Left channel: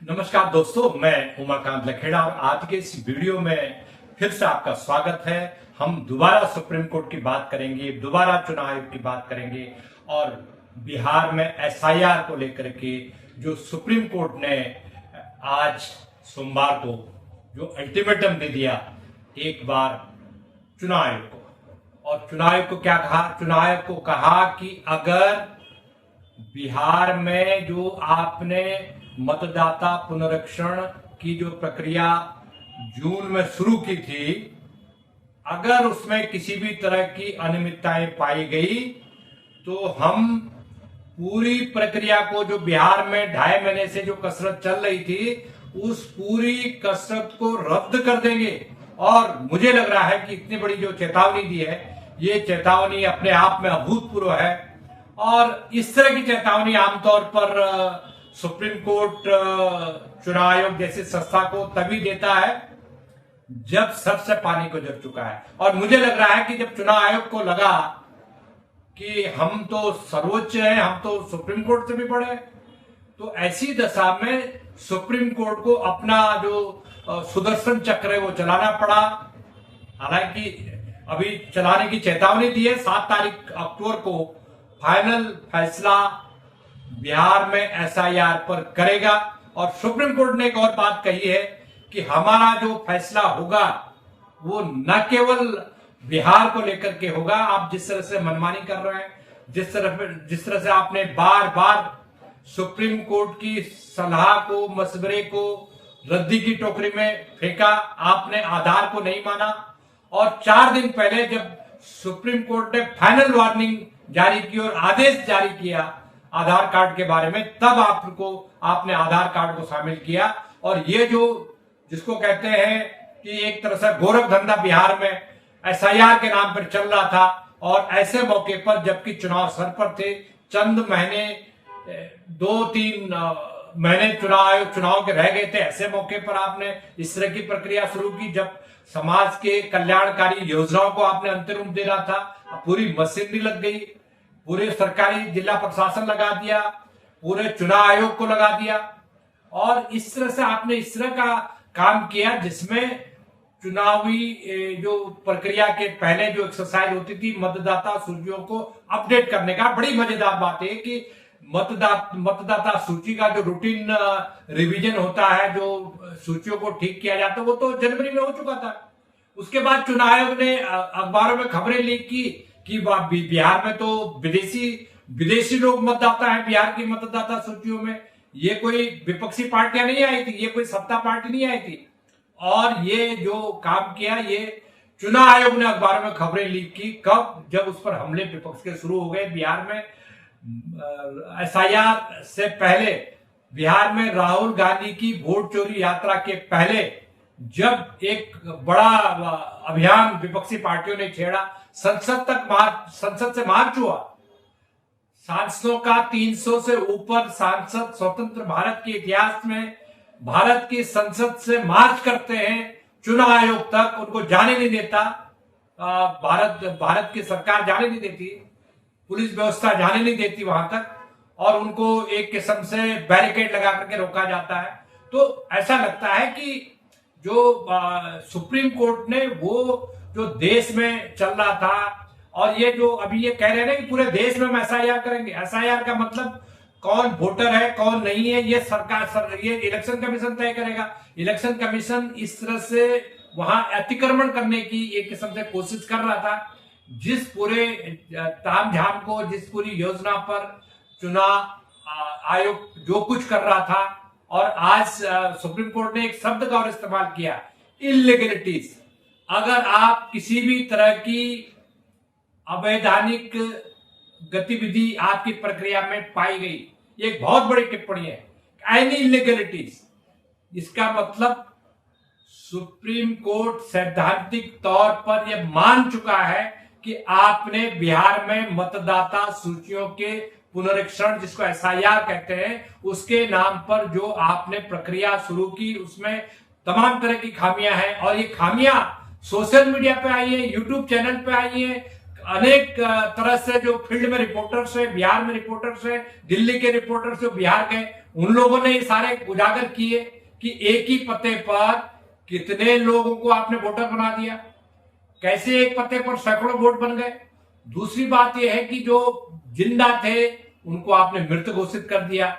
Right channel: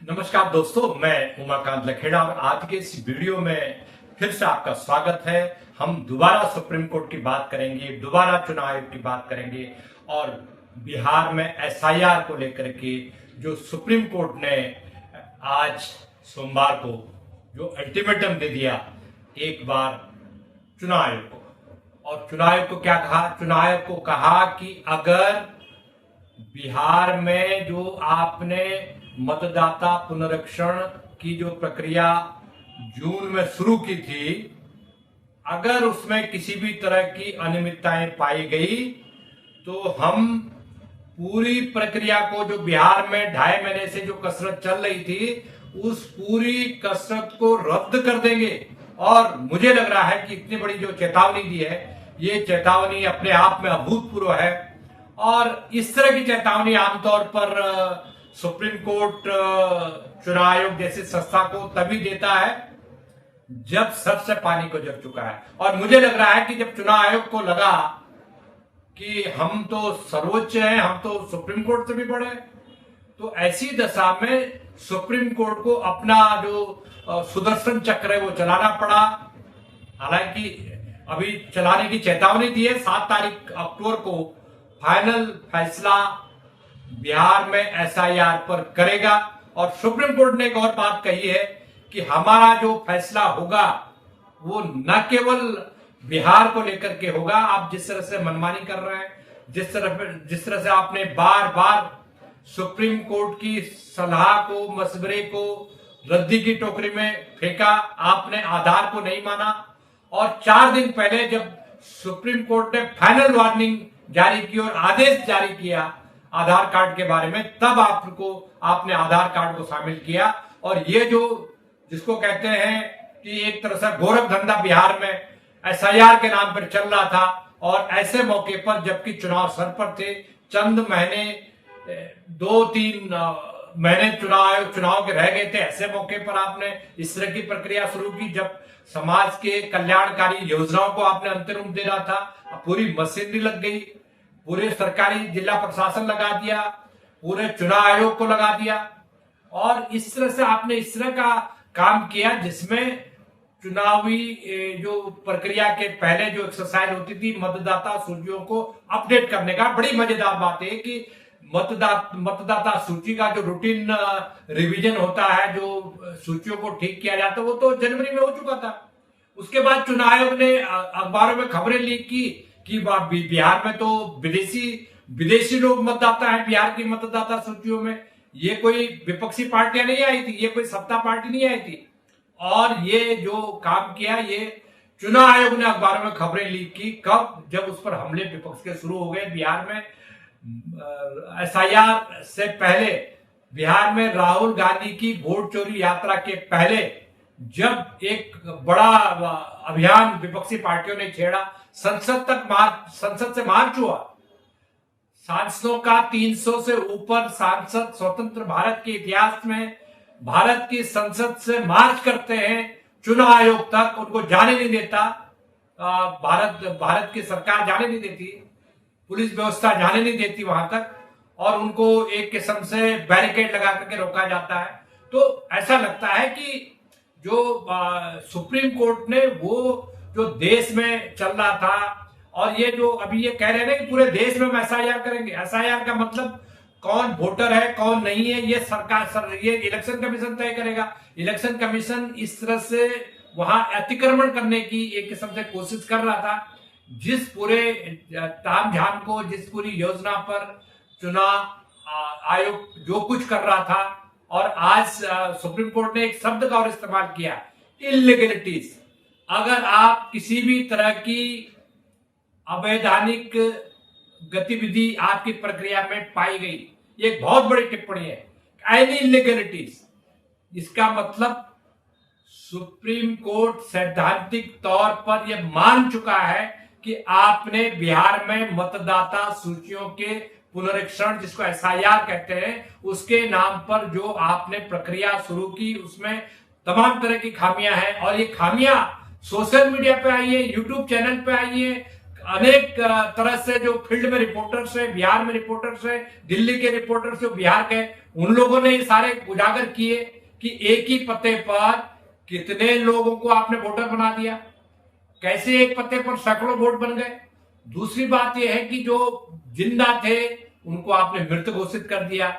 नमस्कार दोस्तों, मैं उमाकांत लखेड़ा और आज के इस वीडियो में फिर से आपका स्वागत है। हम दोबारा सुप्रीम कोर्ट की बात करेंगे, दोबारा चुनाव आयोग की बात करेंगे और बिहार में एसआईआर को लेकर के जो सुप्रीम कोर्ट ने आज सोमवार को जो अल्टीमेटम दे दिया एक बार चुनाव आयोग को। और चुनाव आयोग को क्या कहा? चुनाव आयोग को कहा कि अगर बिहार में जो आपने मतदाता पुनरीक्षण की जो प्रक्रिया जून में शुरू की थी, अगर उसमें किसी भी तरह की अनियमितताएं पाई गई तो हम पूरी प्रक्रिया को, जो बिहार में 2.5 महीने से जो कसरत चल रही थी, उस पूरी कसरत को रद्द कर देंगे। और मुझे लग रहा है कि इतनी बड़ी जो चेतावनी दी है, ये चेतावनी अपने आप में अभूतपूर्व है। और इस तरह की चेतावनी आमतौर पर सुप्रीम कोर्ट चुनाव आयोग जैसी संस्था को तभी देता है जब सबसे पानी को जर चुका है। और मुझे लग रहा है कि जब चुनाव आयोग को लगा कि हम तो सर्वोच्च हैं, हम तो सुप्रीम कोर्ट से भी बड़े हैं, तो ऐसी दशा में सुप्रीम कोर्ट को अपना जो सुदर्शन चक्र है वो चलाना पड़ा। हालांकि अभी चलाने की चेतावनी दी है। 7 तारीख अक्टूबर को फाइनल फैसला बिहार में एसआईआर पर करेगा। और सुप्रीम कोर्ट ने एक और बात कही है कि हमारा जो फैसला होगा वो न केवल बिहार को लेकर के होगा। आप जिस तरह से मनमानी कर रहे हैं, जिस तरह से आपने बार बार सुप्रीम कोर्ट की सलाह को, मशवरे को रद्दी की टोकरी में फेंका, आपने आधार को नहीं माना। और 4 दिन पहले जब सुप्रीम कोर्ट ने फाइनल वार्निंग जारी की और आदेश जारी किया आधार कार्ड के बारे में, तब आपने आधार कार्ड को शामिल किया। और ये जो जिसको कहते हैं कि एक तरह से गोरख धंधा बिहार में एसआईआर के नाम पर चल रहा था, और ऐसे मौके पर जबकि चुनाव सर पर थे, चंद महीने 2-3 महीने चुनाव के रह गए थे, ऐसे मौके पर आपने इस तरह की प्रक्रिया शुरू की जब समाज के कल्याणकारी योजनाओं को आपने अंतिम रूप दे रहा था। पूरी मशीनरी लग गई, पूरे सरकारी जिला प्रशासन लगा दिया, पूरे चुनाव आयोग को लगा दिया। और इस तरह से आपने इस तरह का काम किया जिसमें चुनावी जो प्रक्रिया के पहले जो एक्सरसाइज होती थी मतदाता सूचियों को अपडेट करने का। बड़ी मजेदार बात है कि मतदाता सूची का जो रूटीन रिवीजन होता है, जो सूचियों को ठीक किया जाता है, वो तो जनवरी में हो चुका था। उसके बाद चुनाव आयोग ने अखबारों में खबरें लीक की कि बिहार में तो विदेशी लोग मतदाता हैं बिहार की मतदाता सूचियों में। ये कोई विपक्षी पार्टियां नहीं आई थी, ये कोई सत्ता पार्टी नहीं आई थी। और ये जो काम किया, ये चुनाव आयोग ने अखबारों में खबरें लीक की। कब? जब उस पर हमले विपक्ष के शुरू हो गए। बिहार में एसआईआर से पहले, बिहार में राहुल गांधी की वोट चोरी यात्रा के पहले, जब एक बड़ा अभियान विपक्षी पार्टियों ने छेड़ा, संसद से मार्च हुआ। सांसदों का 300 से ऊपर सांसद स्वतंत्र भारत के इतिहास में भारत की संसद से मार्च करते हैं, चुनाव आयोग तक उनको जाने नहीं देता। भारत की सरकार जाने नहीं देती, पुलिस व्यवस्था जाने नहीं देती वहां तक, और उनको एक किस्म से बैरिकेड लगा करके रोका जाता है। तो ऐसा लगता है कि जो सुप्रीम कोर्ट ने वो जो देश में चल रहा था, और ये जो अभी ये कह रहे हैं कि पूरे देश में हम एसआईआर करेंगे। एसआईआर का मतलब कौन वोटर है कौन नहीं है, ये ये इलेक्शन कमीशन तय करेगा। इलेक्शन कमीशन इस तरह से वहां अतिक्रमण करने की एक किस्म से कोशिश कर रहा था। जिस पूरे तामझाम को, जिस पूरी योजना पर चुनाव आयोग जो कुछ कर रहा था, और आज सुप्रीम कोर्ट ने एक शब्द का और इस्तेमाल किया, इलीगलिटीज। अगर आप किसी भी तरह की अवैधानिक गतिविधि आपकी प्रक्रिया में पाई गई, ये एक बहुत बड़ी टिप्पणी है, एनी इलीगलिटीज। इसका मतलब सुप्रीम कोर्ट सैद्धांतिक तौर पर यह मान चुका है कि आपने बिहार में मतदाता सूचियों के पुनरीक्षण, जिसको एसआईआर कहते हैं, उसके नाम पर जो आपने प्रक्रिया शुरू की, उसमें तमाम तरह की खामियां हैं। और ये खामियां सोशल मीडिया पे आई है, यूट्यूब चैनल पे आई है, अनेक तरह से जो फील्ड में रिपोर्टर्स है, बिहार में रिपोर्टर्स है, दिल्ली के रिपोर्टर्स जो बिहार के, उन लोगों ने ये सारे उजागर किए कि एक ही पते पर कितने लोगों को आपने वोटर बना दिया, कैसे एक पते पर सैकड़ों वोट बन गए। दूसरी बात यह है कि जो जिंदा थे उनको आपने मृत घोषित कर दिया,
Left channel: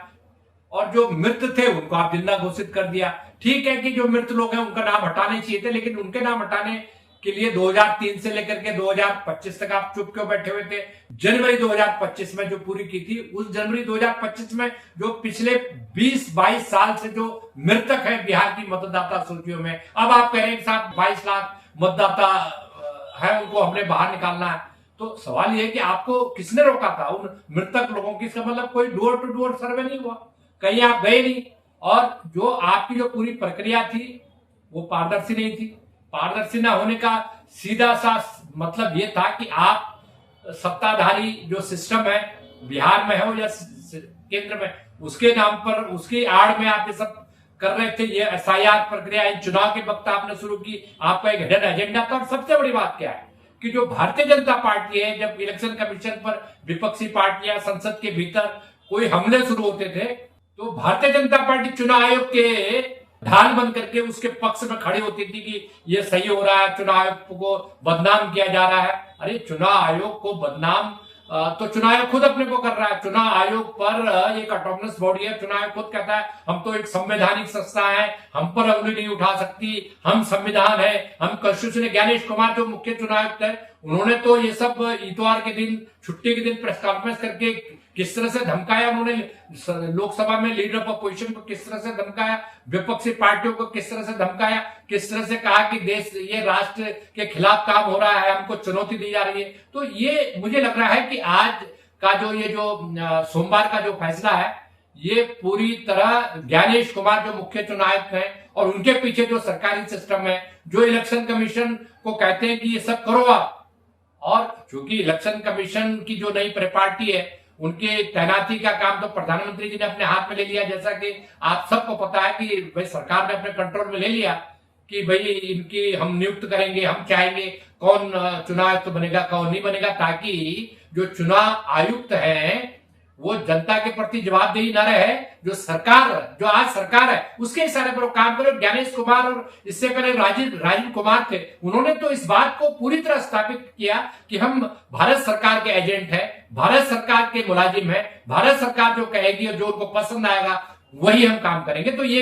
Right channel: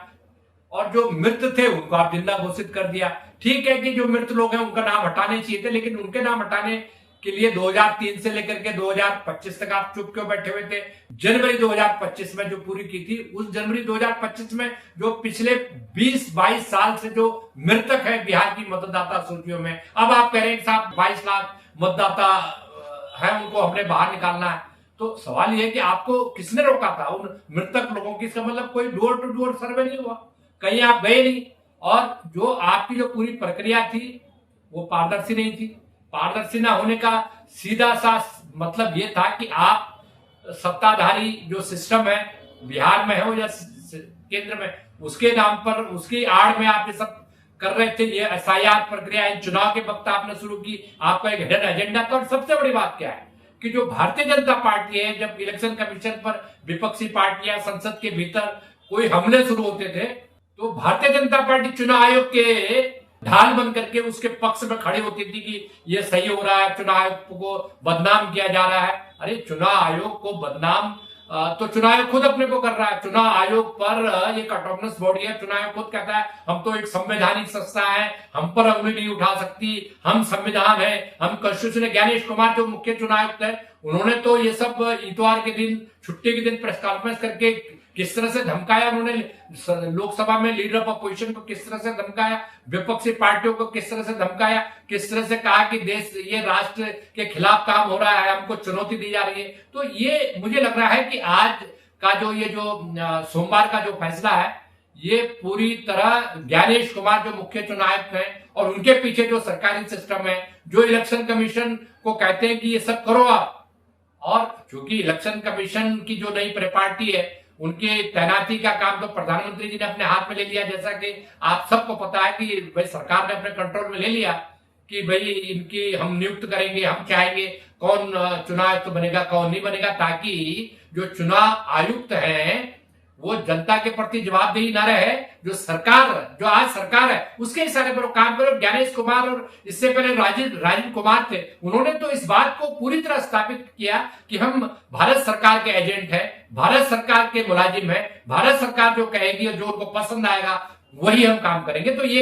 और जो मृत थे उनको आप जिंदा घोषित कर दिया। ठीक है कि जो मृत लोग हैं उनका नाम हटाने चाहिए थे, लेकिन उनके नाम हटाने के लिए 2003 से लेकर के 2025 तक आप चुप क्यों बैठे हुए थे? जनवरी 2025 में जो पूरी की थी, उस जनवरी 2025 में जो पिछले 20-22 साल से जो मृतक है बिहार की मतदाता सूचियों में, अब आप कह रहे हैं साहब 22 लाख मतदाता है उनको हमने बाहर निकालना है। तो सवाल यह है कि आपको किसने रोका था उन मृतक लोगों की? इसका मतलब कोई डोर टू डोर सर्वे नहीं हुआ, कहीं आप गए नहीं, और जो आपकी जो पूरी प्रक्रिया थी वो पारदर्शी नहीं थी। पारदर्शी ना होने का सीधा सा मतलब ये था कि आप सत्ताधारी जो सिस्टम है बिहार में हो या केंद्र में, उसके नाम पर, उसकी आड़ में आप ये सब कर रहे थे। ये एसआईआर प्रक्रिया इन चुनाव के वक्त आपने शुरू की, आपका एक हिडन एजेंडा था। और सबसे बड़ी बात क्या है कि जो भारतीय जनता पार्टी है, जब इलेक्शन कमीशन पर विपक्षी पार्टियां संसद के भीतर कोई हमले शुरू होते थे, तो भारतीय जनता पार्टी चुनाव आयोग के ढाल बन करके उसके पक्ष में खड़ी होती थी कि ये सही हो रहा है, चुनाव आयोग को बदनाम किया जा रहा है। अरे चुनाव आयोग को बदनाम तो चुनाव आयोग खुद अपने को कर रहा है। चुनाव आयोग पर एक ऑटोनमस बॉडी है, चुनाव आयोग खुद कहता है हम तो एक संवैधानिक संस्था है, हम पर उंगली नहीं उठा सकती, हम संविधान है, हम कॉन्स्टिट्यूशन। ज्ञानेश कुमार जो मुख्य चुनाव आयुक्त है, उन्होंने तो ये सब इतवार के दिन, छुट्टी के दिन प्रेस कॉन्फ्रेंस करके किस तरह से धमकाया, उन्होंने लोकसभा में लीडर ऑफ अपोजिशन को किस तरह से धमकाया, विपक्षी पार्टियों को किस तरह से धमकाया, किस तरह से कहा कि देश, ये राष्ट्र के खिलाफ काम हो रहा है, हमको चुनौती दी जा रही है। तो ये मुझे लग रहा है कि आज का जो ये जो सोमवार का जो फैसला है, ये पूरी तरह ज्ञानेश कुमार जो मुख्य चुनाव आयुक्त हैं और उनके पीछे जो सरकारी सिस्टम है, जो इलेक्शन कमीशन को कहते हैं कि ये सब करो आप, और चूंकि इलेक्शन कमीशन की जो नई परिपाटी है, उनके तैनाती का काम तो प्रधानमंत्री जी ने अपने हाथ में ले लिया। जैसा कि आप सबको पता है कि भाई सरकार ने अपने कंट्रोल में ले लिया कि भाई इनकी हम नियुक्त करेंगे, हम चाहेंगे कौन चुनाव आयुक्त बनेगा, कौन नहीं बनेगा, ताकि जो चुनाव आयुक्त हैं वो जनता के प्रति जवाबदेही न रहे। जो सरकार, जो आज सरकार है, उसके इशारे पर वो काम करे। ज्ञानेश कुमार और इससे पहले राजीव कुमार थे, उन्होंने तो इस बात को पूरी तरह स्थापित किया कि हम भारत सरकार के एजेंट हैं, भारत सरकार के मुलाजिम हैं, भारत सरकार जो कहेगी और जो उनको पसंद आएगा वही हम काम करेंगे। तो ये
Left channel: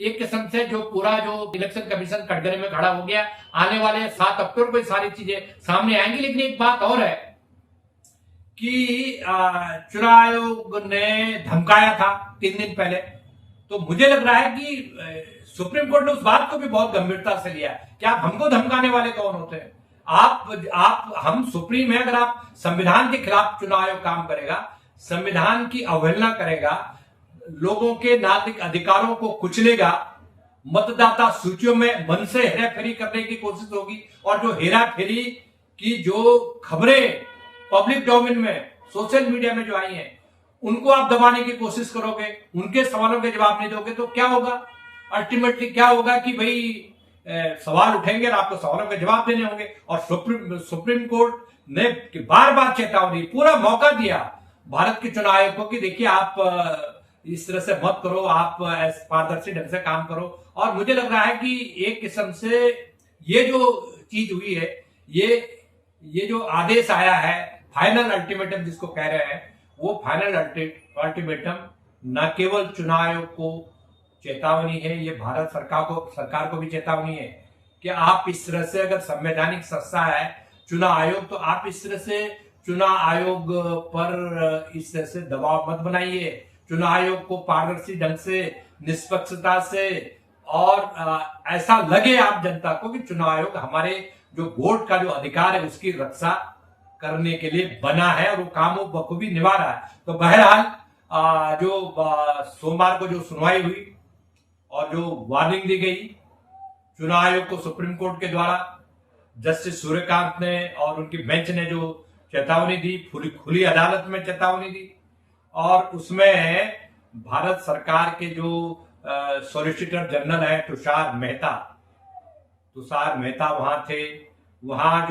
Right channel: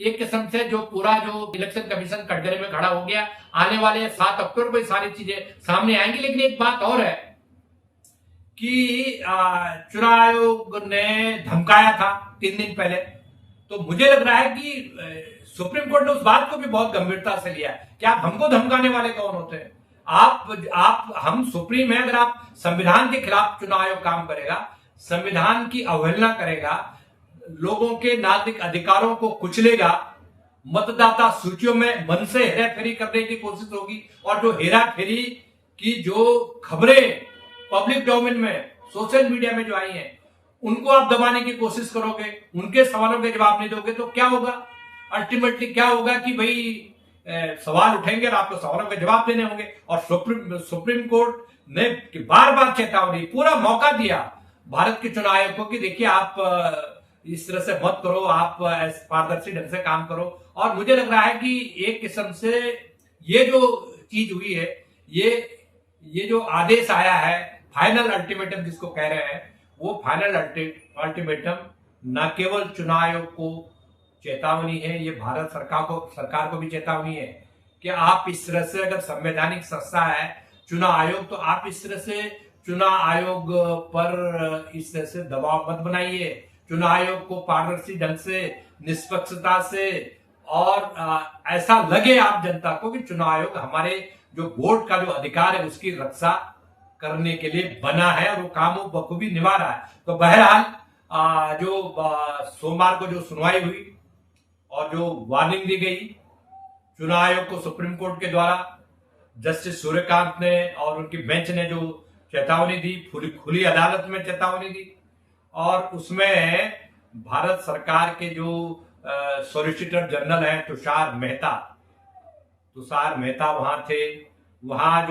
एक किस्म से जो पूरा जो इलेक्शन कमीशन कटघरे में खड़ा हो गया। आने वाले 7 अक्टूबर को ये सारी चीजें सामने आएंगी। लेकिन एक बात और है कि चुनाव आयोग ने धमकाया था 3 दिन पहले, तो मुझे लग रहा है कि सुप्रीम कोर्ट ने उस बात को भी बहुत गंभीरता से लिया है कि आप हमको धमकाने वाले कौन होते हैं? हम सुप्रीम है। अगर आप संविधान के खिलाफ चुनाव आयोग काम करेगा, संविधान की अवहेलना करेगा, लोगों के नागरिक अधिकारों को कुचलेगा, मतदाता सूचियों में मन से हेराफेरी करने की कोशिश होगी, और जो हेराफेरी की जो खबरें पब्लिक डोमेन में, सोशल मीडिया में जो आई हैं, उनको आप दबाने की कोशिश करोगे, उनके सवालों के जवाब नहीं दोगे, तो क्या होगा? अल्टीमेटली क्या होगा कि भाई सवाल उठेंगे और आपको सवालों के जवाब देने होंगे। और सुप्रीम कोर्ट ने बार बार चेतावनी, पूरा मौका दिया भारत के चुनाव आयोग को कि देखिए आप इस तरह से मत करो, आप पारदर्शी ढंग से काम करो। और मुझे लग रहा है कि एक किस्म से ये जो चीज हुई है, ये जो आदेश आया है, फाइनल अल्टीमेटम जिसको कह रहे हैं, वो फाइनल अल्टीमेटम न केवल चुनाव आयोग को चेतावनी है, ये भारत सरकार को भी चेतावनी है कि आप इस तरह से, अगर संवैधानिक संस्था है चुनाव आयोग, तो आप इस तरह से चुनाव आयोग पर इस तरह से दबाव मत बनाइए। चुनाव आयोग को पारदर्शी ढंग से, निष्पक्षता से, और ऐसा लगे आप जनता को कि चुनाव आयोग हमारे जो वोट का जो अधिकार है उसकी रक्षा करने के लिए बना है, और वो काम वो बखूबी निभा रहा है। तो बहरहाल जो सोमवार को जो सुनवाई हुई और जो वार्निंग दी गई चुनाव आयोग को सुप्रीम कोर्ट के द्वारा, जस्टिस सूर्यकांत ने और उनकी बेंच ने जो चेतावनी दी, खुली अदालत में चेतावनी दी, और उसमें भारत सरकार के जो सॉलिसिटर जनरल है तुषार मेहता वहां थे, वहाँ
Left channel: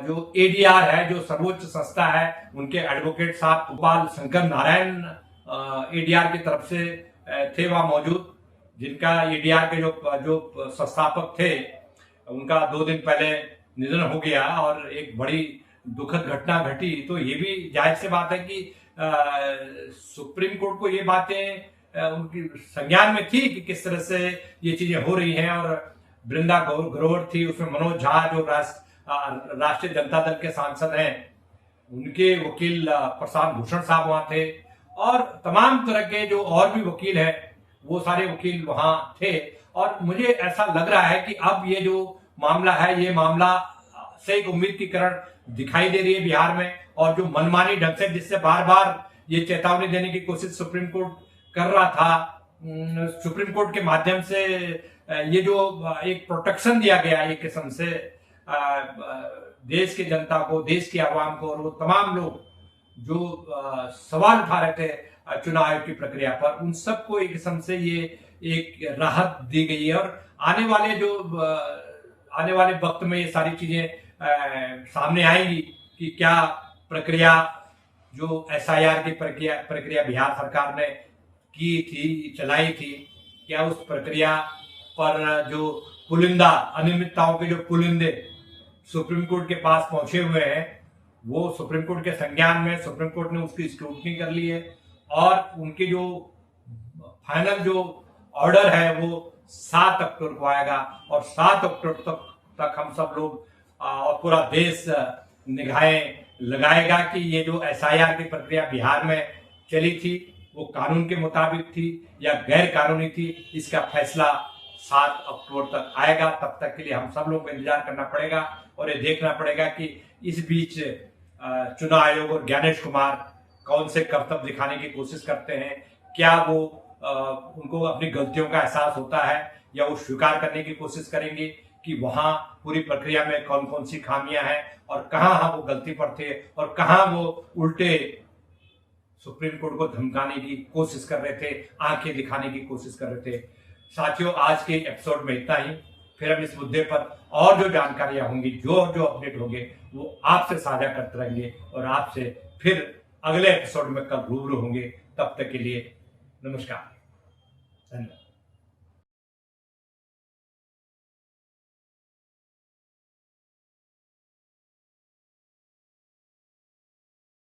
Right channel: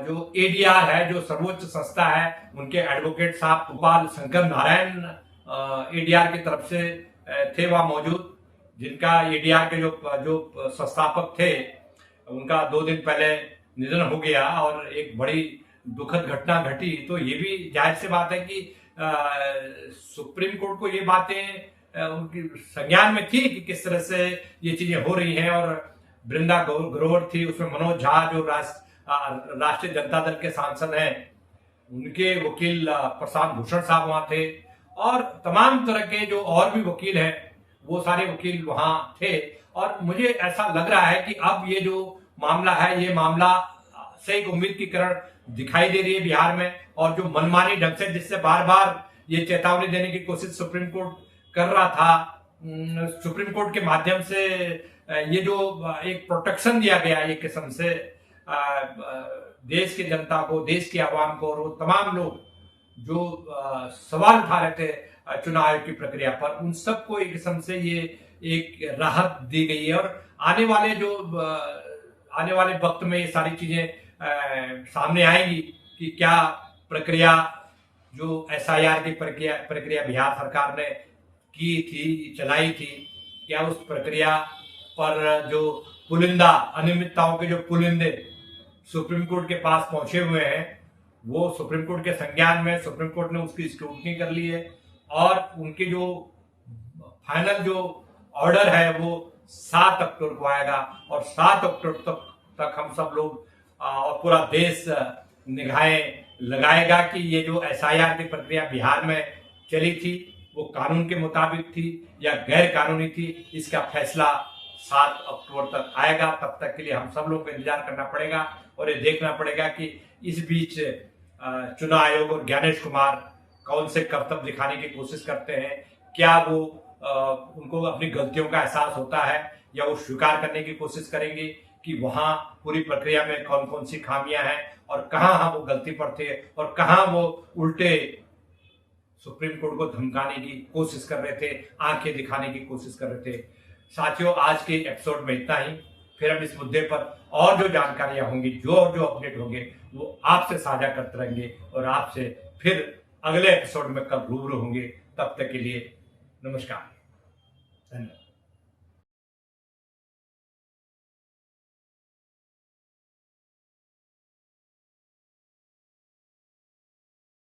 जो एडीआर है, जो सर्वोच्च संस्था है, उनके एडवोकेट साहब गोपाल शंकर नारायण एडीआर की तरफ से थे वहाँ मौजूद, जिनका एडीआर के जो संस्थापक थे, उनका 2 दिन पहले निधन हो गया और एक बड़ी दुखद घटना घटी। तो ये भी जाहिर सी बात है कि सुप्रीम कोर्ट को ये बातें उनकी संज्ञान में थी कि किस तरह से ये चीजें हो रही हैं। और वृंदा ग्रोवर थी, उसमें मनोज झा जो राष्ट्रीय जनता दल के सांसद हैं, उनके वकील प्रशांत भूषण साहब वहां थे, और तमाम तरह के जो और भी वकील हैं, वो सारे वकील वहां थे। और मुझे ऐसा लग रहा है कि अब ये जो मामला है, ये मामला से एक उम्मीद की किरण दिखाई दे रही है बिहार में। और जो मनमानी ढंग से, जिससे बार बार ये चेतावनी देने की कोशिश सुप्रीम कोर्ट कर रहा था, सुप्रीम कोर्ट के माध्यम से ये जो एक प्रोटेक्शन दिया गया एक किस्म से देश की जनता को, देश की आवाम को, और वो तमाम लोग जो सवाल उठा रहे थे चुनाव आयोग की प्रक्रिया पर, उन सबको एक किस्म से ये एक राहत दी गई है। और आने वाले वक्त में ये सारी चीजें सामने आएंगी कि क्या प्रक्रिया, जो एसआईआर की प्रक्रिया बिहार सरकार ने की थी, चलाई थी, क्या उस प्रक्रिया पर जो पुलिंदा अनियमितताओं के जो पुलिंदे सुप्रीम कोर्ट के पास पहुंचे हुए हैं, वो सुप्रीम कोर्ट के संज्ञान में, सुप्रीम कोर्ट ने उसकी स्क्रूटनी कर ली है। और उनके जो फाइनल जो ऑर्डर है वो 7 अक्टूबर को आएगा। और 7 अक्टूबर तक हम सब लोग और पूरा देश निगाहें लगाएगा कि ये जो एसआईआर की प्रक्रिया बिहार में चली थी, वो कानून के मुताबिक थी या गैर कानूनी थी। इसका फैसला 7 अक्टूबर तक आएगा। तब तक के लिए हम सब लोगों को इंतजार करना पड़ेगा और ये देखना पड़ेगा कि इस बीच चुनाव आयोग और ज्ञानेश कुमार कौन से कर्तव्य दिखाने की कोशिश करते हैं। क्या वो उनको अपनी गलतियों का एहसास होता है, या वो स्वीकार करने की कोशिश करेंगे कि वहां पूरी प्रक्रिया में कौन कौन सी खामियां हैं और कहां वो गलती पर थे और कहां वो उल्टे सुप्रीम कोर्ट को धमकाने की कोशिश कर रहे थे, आंखें दिखाने की कोशिश कर रहे थे। साथियों, आज के एपिसोड में इतना ही। फिर हम इस मुद्दे पर और जो जानकारियां होंगी, जो अपडेट होंगे, वो आपसे साझा करते रहेंगे और आपसे फिर अगले एपिसोड में कल रूबरू होंगे। तब तक के लिए नमस्कार, धन्यवाद।